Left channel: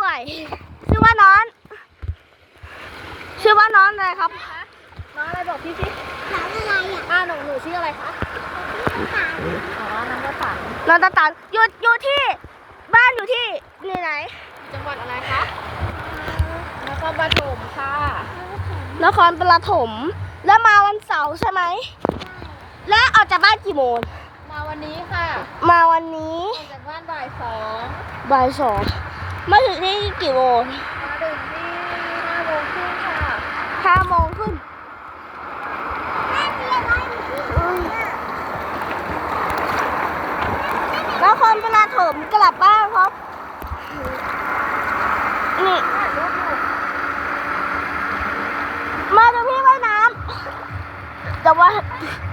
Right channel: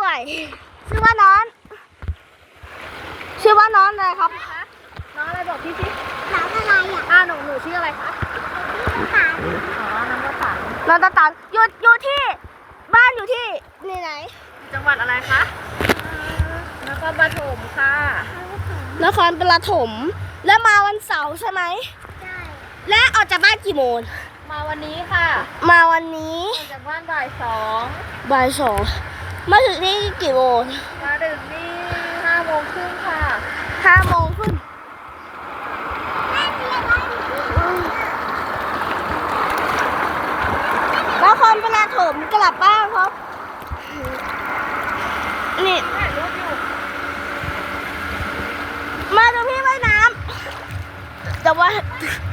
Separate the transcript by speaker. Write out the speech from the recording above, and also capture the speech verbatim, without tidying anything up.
Speaker 1: ด้วยชื่อว่าน้องชื่อว่าน้องอะไรครับ
Speaker 2: น้องอะไรบอกพี่สิน้องอะไรอ่ะอ่าหนูหนูชื่ออะไรคะน้ำตาลอ๋อน้ำตาล
Speaker 1: น้องตาตาลอยู่อยู่ที่บ้านอยู่ที่นี่ไหน
Speaker 2: จังหวัดอะไรคะนครปฐมค่ะ
Speaker 1: นครปฐมแล้วมาวันเสาร์ใช่ไหมใช่และออกจากบ้านกี่โมง
Speaker 2: มาวันนี้ค่ะ
Speaker 1: มาวันนี้
Speaker 2: ออกจากบ้านบ่ายสอง
Speaker 1: บ่ายสองมาถึงที่กี่โมง
Speaker 2: มาถึงที่ห้าโมงครึ่งค่ะ
Speaker 1: ห้าโมงขึ้นแล้วคนเวลาถมกลับบ้านครับนี่
Speaker 2: ถ่ายรูปอยู่
Speaker 1: มาดูพี่ว่ายน้ำแต่ว่า